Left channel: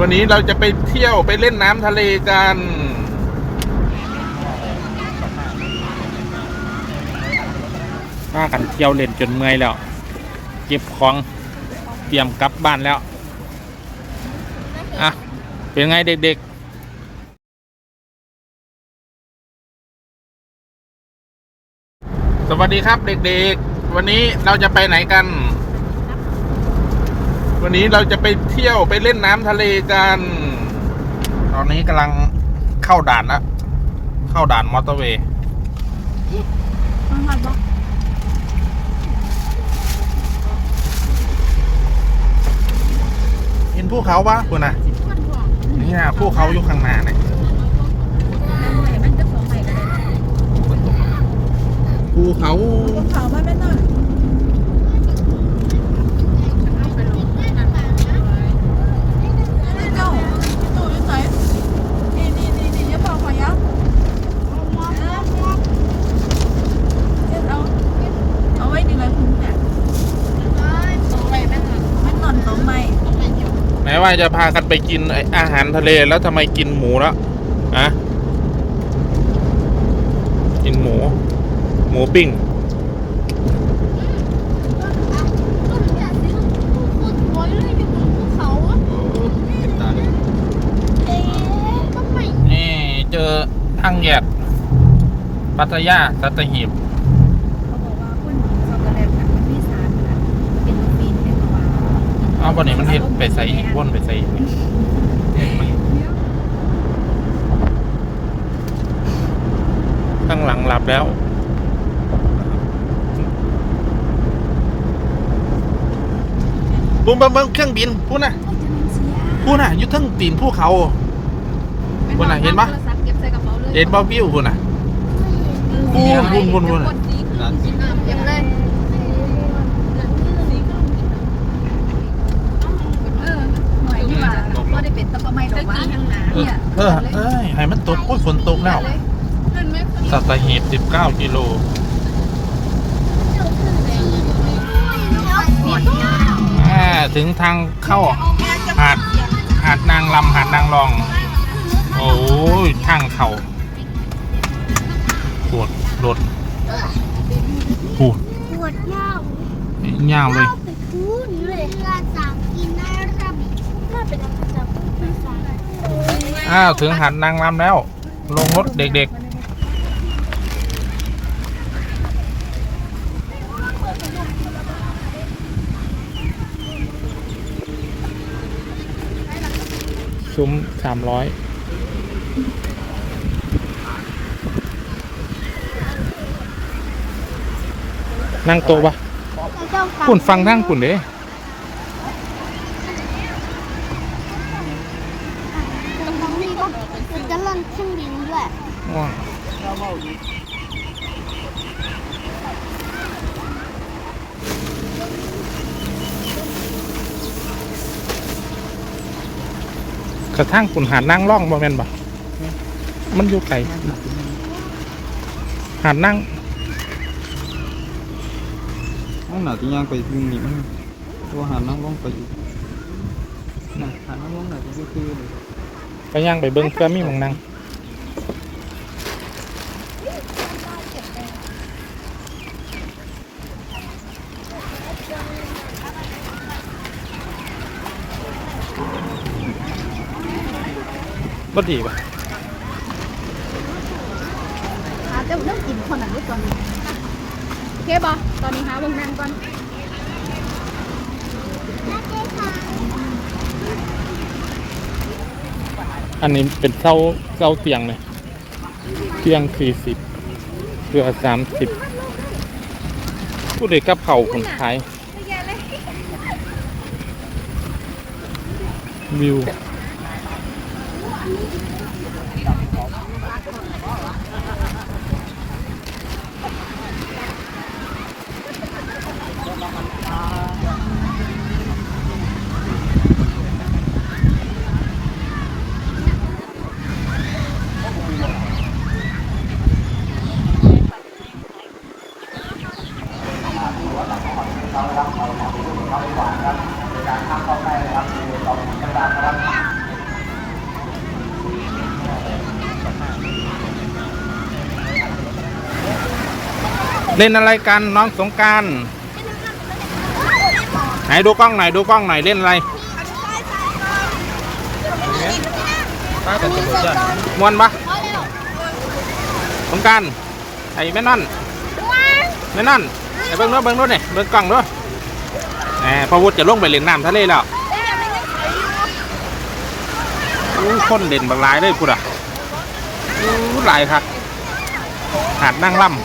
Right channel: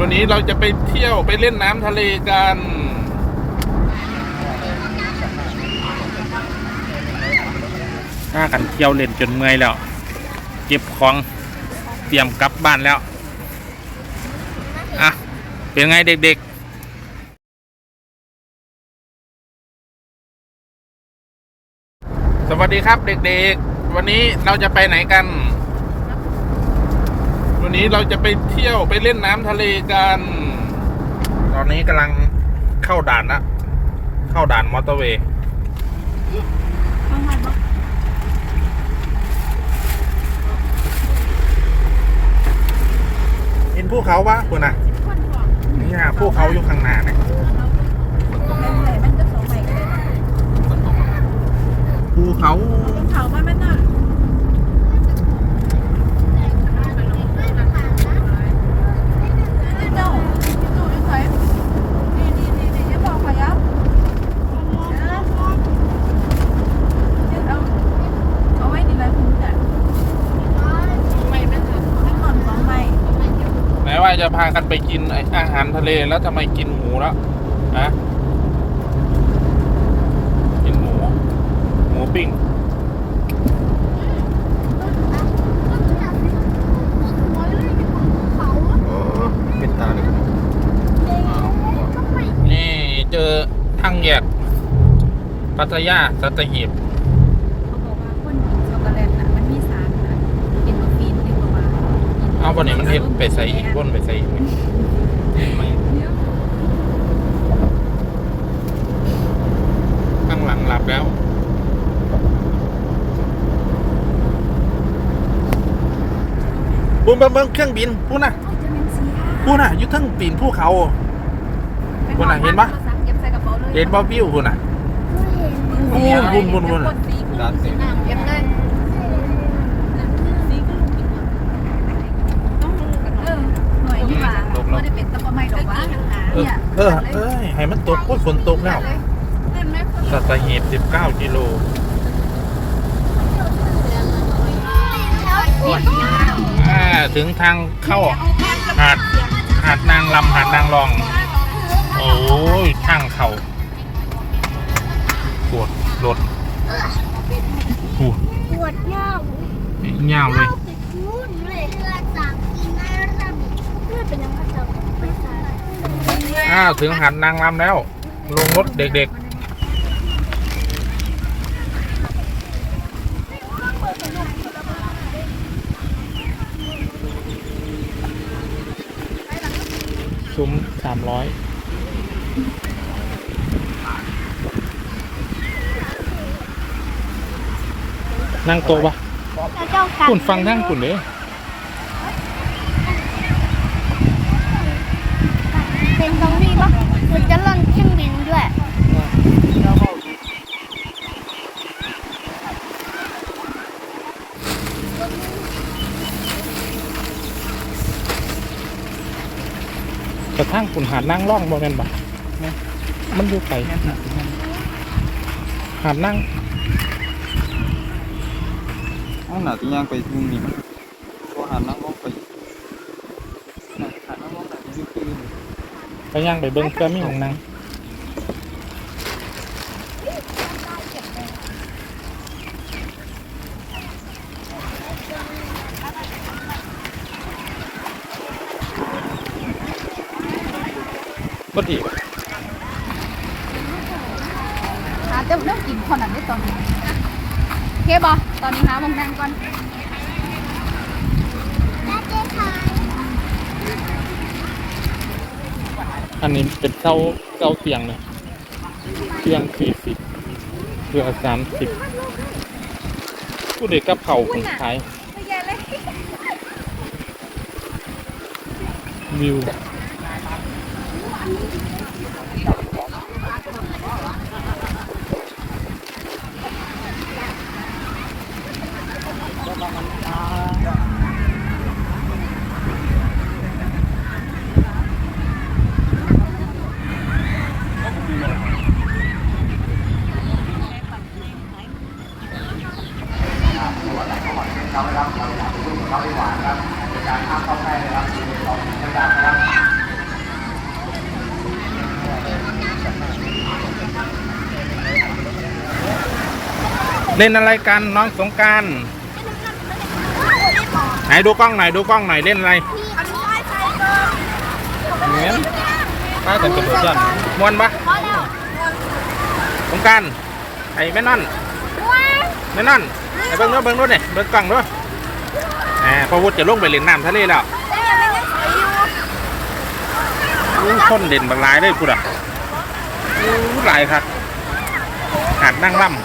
วันนี้เราจะไปเที่ยวไปเล่นน้ำทะเลกัน ถ้ากันเที่ยวเล่นจนเมื่อยแล้ว เก็บของเตรียมกลับบ้านแล้ว อะ เป็นไงเด็กๆสวัสดีครับเด็กๆ วันนี้เราจะไปไหนกัน วันนี้เราจะไปเที่ยวไปเล่นน้ำทะเลกัน ตอนนี้กำลังเข้าด่านละเข้าด่านมอเตอร์เวย์ต้องหัดบอกเห็นภูเขาปะคุณน่ะสิบคนพอเนี่ยภูเขาอยู่ข้างหน้าเนี่ยไหนมันจะสองใบกันเลยภูเขาต้องเผามาไหมน่ะเจ้าเจ้าอยู่ไหนนี่นี่นี่นี่อย่าบอกขยับเอาเอาไว้ดีเลยคุณเนี่ยมันนอนสองใบ แม้ ว่าจะพากันไปกินไอ้อาหารทะเลแล้วทำไมกินหมูแล้วอะกินหมู หมูปิ้งนี่เจอทางแยก ปัตยาสัตหีบ เขาบอกว่าคนช็อกโกแลตน่ะมันมีสารนะเอนโดรฟินเอนโดรมา เอาวันนี้มันเฮ็ดไปใส่อีกวนไปใส่อีกนี่ข้างหลังหลับแล้ว บุ้มเบิ้มเครื่องบินพูดน่ะพูดน่ะอยุททั้งตีนภูเขาคนน่ะเห็นปะเก็บใส่กระเห็นบ่วิวพูดน่ะพูนพูนพูนพูนอหน่วยดีกว่าไม่ได้เป็นตะปะไม้ดอกว่า เออเออเอ้ยให้มันตกโอ้ยฝนตกแล้วสัตหีบ19กิโลอ่าถึงทางเข้าหาดหาดนางลำหาดนางรอง โอ้ยทางเขาปวดรถปูปวดเน่าเงาวเลย ไปพูดเลยเรือสามกินน่าจะน่าเป็นอะไรจะไม่ทราบ อ้าวถึงหาดนางลำแล้ว ลงรถเด็กๆ ซุ้มสามร้อยนั่งโต๊ะปะแล้วเจ้ากันคุณฟังนั่งคุณเด้ เป็น ตรงนี้ปะคุณจะเล่นเครื่องบินด้วยกระทั่งคุณหาดนั่งร่องบ่แม่นบ่มันอยู่ไกลหาดนั่งอันน่ะที่ย่างไปที่นี่มันตัวหันนั่งลงไปอยู่น่ะหันนั่งลงไหนที่คือเลย ไปย่างไปเบิ้งเพื่อมีหมองนั่งบ่ดีป่ะอาจจะเริ่มกินคนนั้นได้ตอนนี้โอเคบอตอนนี้หาวงนั่งก่อน อันนี้เป็นเส้าเส้าเตียงเลยเตียงสี่สิบเรือสามสิบผู้เด็กก็เผาเองขายวิว อนเขาครับเราหลังลูกเขาดีกว่าครับในการข้ามเข้าใกล้ครับคือเราพยายามครับเล่นอะไรกันน้องสงการไหนดูกล้องไหนดูกล้องไหนเล่นอะไรมวนปะสงการไอ้แม่นั่นแม่นั่น เบิ้งรถเบิ้งรถเนี่ยเบิ้งกล้องด้วยแหมพอวุฒิจะลงไปเล่นน้ำทะเลแล้วอู้คนเด่นบางลายเลยพูดอะอู้หลายครับหาดนั่งล่ำ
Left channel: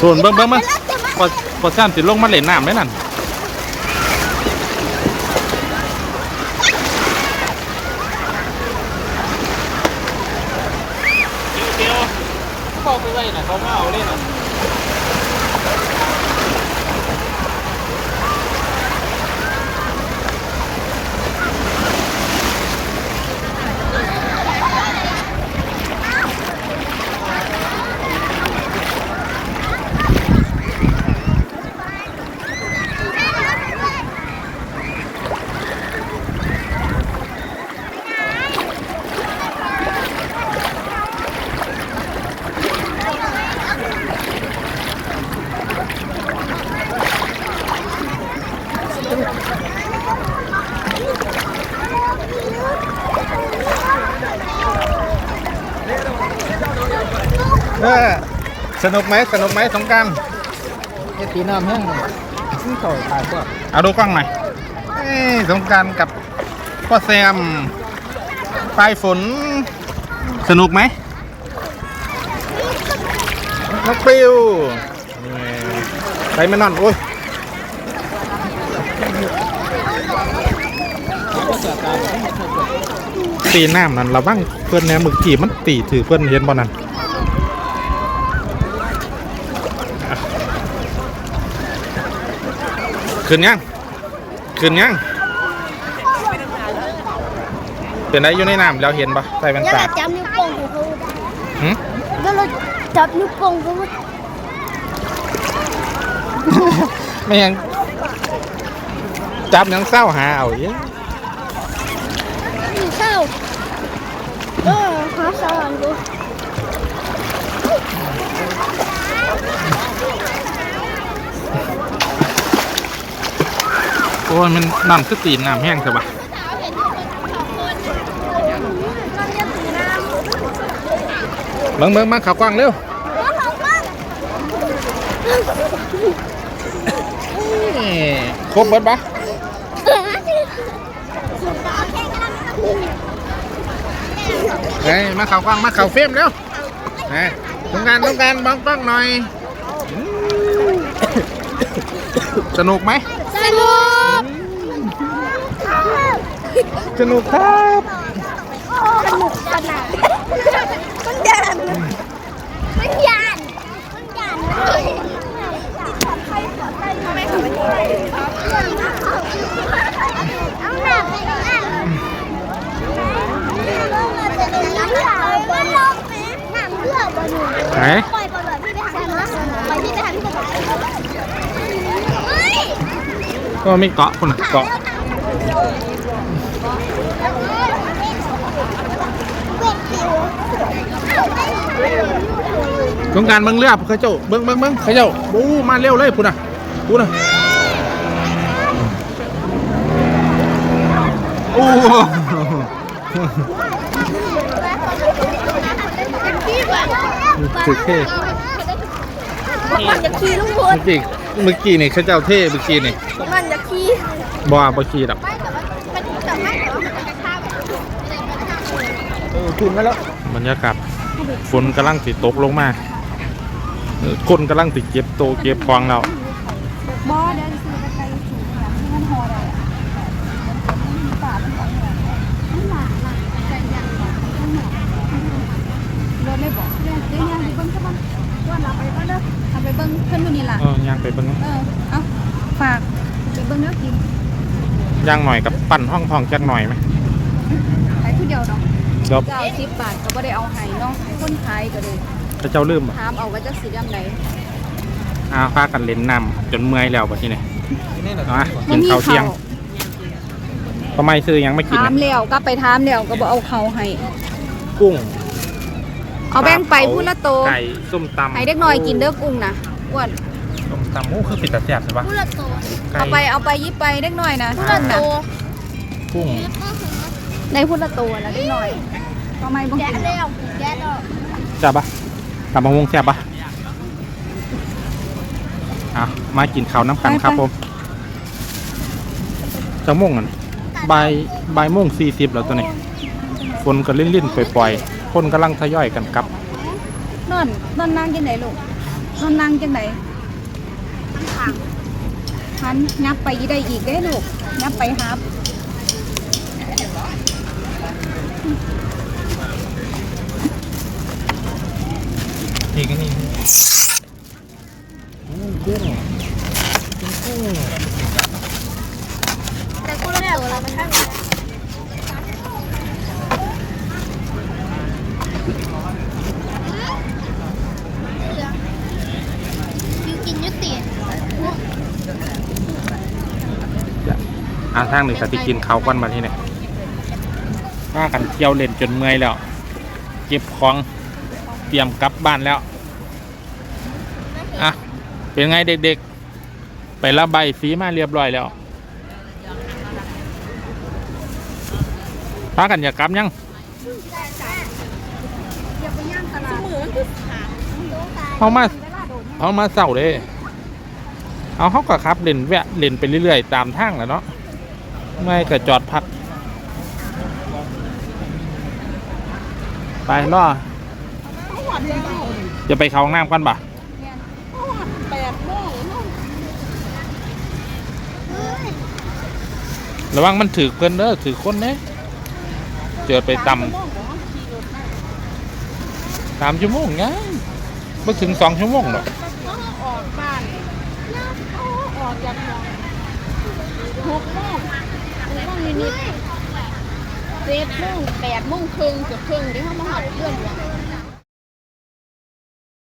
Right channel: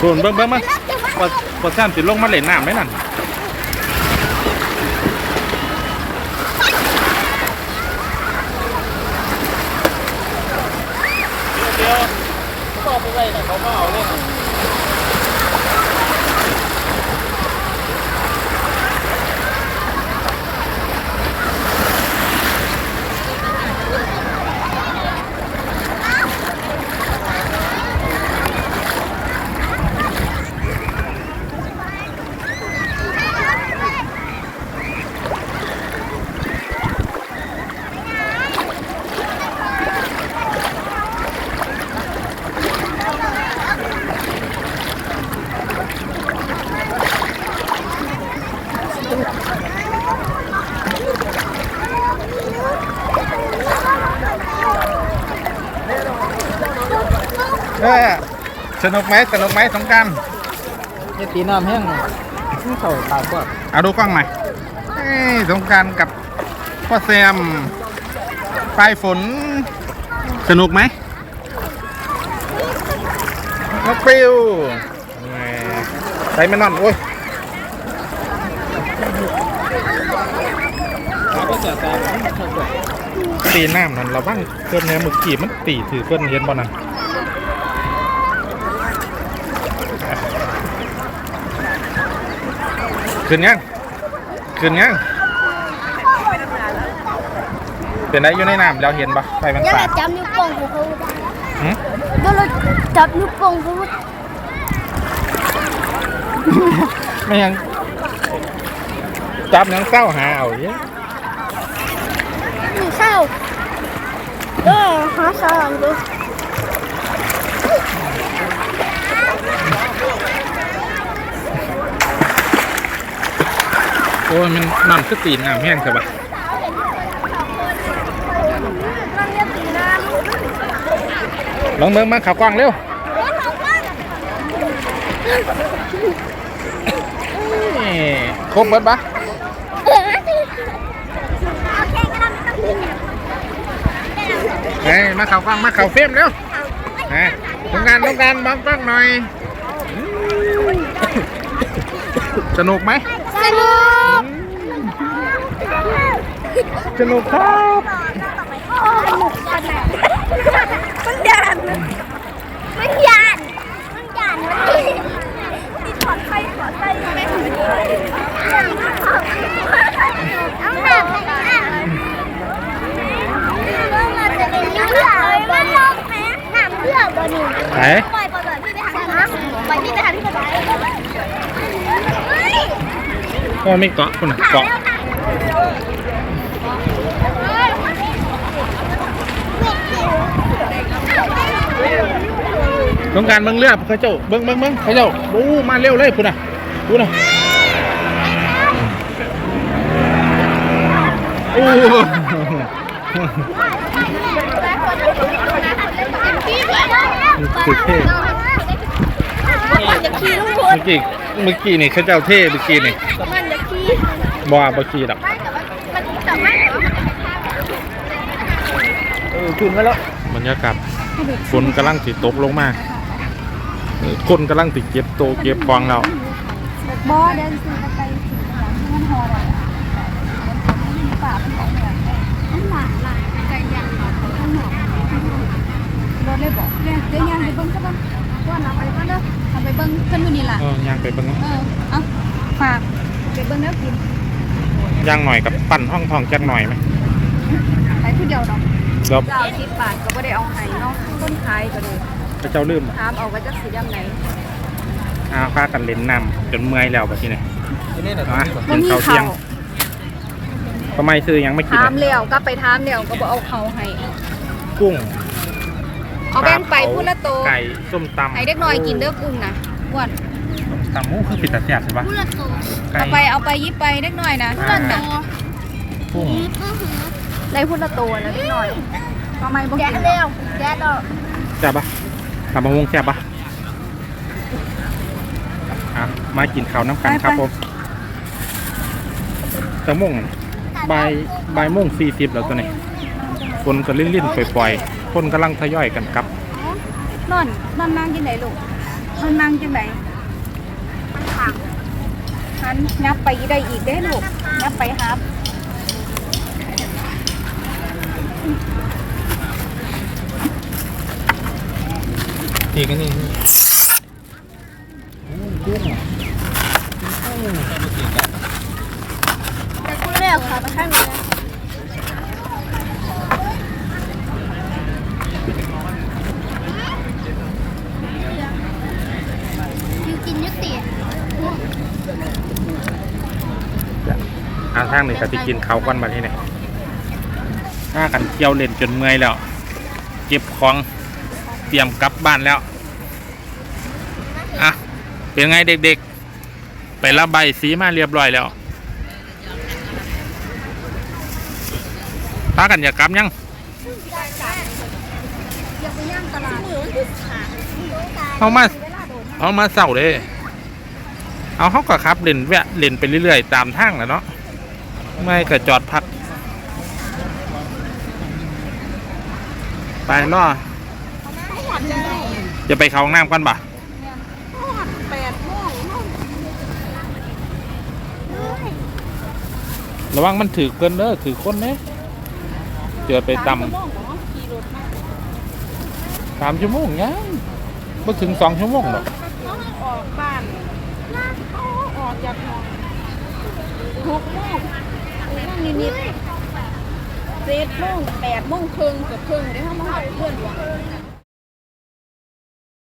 ส่วนเบิ้งเบิ้งมั้งพอพอสร้างติดลงมาเล่นน้ำไหมนั่นเออส นุกไหมสนุกไหมสงกรารนี่ตีน้ำแห้งเลยนี่เขาตายกว่าเอาดูกล้องหน่อยเอ้ยสงกรารกับพ่อแซมปลายฝน สนุกไหมน้องปลิวนี่ไปไม่นอนโอ้ยตีน้ำนั่นระวังเพื่อนเนี่ยมึกกี่มันตีถือเพื่อนเห็นบ่นั่น ขึ้นยังขึ้นยังเป็นไรอยู่ในน้ำแล้วเห็นปะใส่เป็นแล้วสาเราดจับนิ้วโป้งของเขาหึแล้วเราจับนิ้วโป้งเขาไม่ยังจับยังเศร้าหาเอาเยอะเศร้าเออหาสารดู โอ้ยมันน้ำคือตีนน้ำแห้งใช่ปะเบิ่งเบิ่งมาข่ากว้างเร็วนี่ครบเบิดปะเฮ้ยมาข่าวกว้างมาข่าวเฟรมเร็วเฮ้ยต้องการต้องการบังกล้องหน่อย สนุกไหม สนุก สนุกครับสนุกขนาดมันยานมันยานมันยานปลอดภัยปลอดภัยไม่ถึงเอาหนักเลยอะจะเป็นนิ้วหนาไม่ลงแม่หนามเลือกบ่หนึ่งไหนปล่อยปล่อยพี่ไปหาที่ปล่อยพี่ไปหาที่สบายเฮ้ยก็ไม่เกาะคนน่ะเกาะ ต้องการเบิ้งเรือเขาเจ้าเบิ้งเบิ้งเบิ้งเขาเจ้าบูมาเร็วเลยพูดน่ะพูดน่ะโอ้สุดเท่จะขี่ลูกเมื่อกี้เมื่อกี้นี่เขาเจ้าเท่เมื่อกี้นี่มันจะขี่บ่บ่ขี่ดอกมันแต่ไม่เหรอมันจะข้าวเออขึ้นมาแล้วบรรยากาศ ฝนกำลังติดตกลงมาคนกำลังติดเก็บโตเก็บควงเราบอเดินไปถึงหังที่มัอะมันมีป่ามันของแบบมันหลานหลานไก่ย่างหลานเขาข้างนอรถเอรียนเรียนยังไปเบิ้งกบ้างอไปบ้งเด้อเอนยนี่ละย่างไปเบิ้งเออเอาฝากไปเบิ้งเนื้อกินย่างหน่อยกับปั่นห้องทองจักหน่อยไหมไปที่เดียวเนาะเดียวสิบบาทก็ได้เอาไข่ คนขายก็เลยพระเจ้าลืมอะถามเอาว่าจะสิยังไงอ้าวพากันเล่นน้ำจนเมื่อยแล้วบัดนี้เนี่ยเอามามักินนมีข้าวเที่ยงเขาทำไมซื้อหยังไม่กินถามอะแล้วก็ไปถามแล้วก็บ่เอาเขาให้ กุ้งเอาแบ่งไปปลาเผาพุ่นละโตไก่ส้มตำให้เด็กน้อยกินเด้อกุ้งนะอ้วนส้มตำโอ้คือปิดตาแซ่บใช่ปะไก่เอาไปเอาไปยิบไปเด็กน้อยนะอ่าพุ่นละโตกุ้งในพุ่นละโตแล้วเด็กน้อย ทำไมบ่แกะกินเร็วแกะต่อแซ่บปะตำบักหุ่งแซ่บปะอะมากินข้าวน้ำกันครับผมจะม่วงกันบ่ายบ่ายโมงสี่สิบแล้วตัวนี้ฝนก็ลิ่นๆปล่อยๆคนกำลังทยอยกันกลับ นอนนอนนั่งจังไดลูกนอนนั่งจังไดหันนับไปได้อีกเด้อลูกนับไปครับ อีกนี่กุ้งแต่กูเร็วเลยมันข้างในยูกินยุติอ่าทางนี้ก็จะกินเขาวก้อนมาที่นี่ถ้ากันเที่ยวเล่นจนเมื่อยแล้ว เก็บของ เตรียมกลับบ้านแล้ว อะ เป็นไงเด็กๆ ไประบายสีมาเรียบร้อยแล้วพากันอยากกลับยังเอามาเอามาเศร้าเลย เอาเขาก็ขับเล่นแวะเล่นไปเรื่อยๆ ตามทางแหละเนาะ ไม่ก็จอดพัก ไปล่อ จะไปเข้าห้องน้ำกันปะระวังมันถือเพิ่นเด้อถือคนเด้เจอไปตำสามชั่วโมงยังไม่ถึงสองชั่วโมงหรอกออกบ้านเขาออกจากห้องหกโมงหกโมงนิดๆเจ็ดโมงแปดโมงครึ่งเกือบครึ่งได้เข้ามาหอดเพื่อนหลวง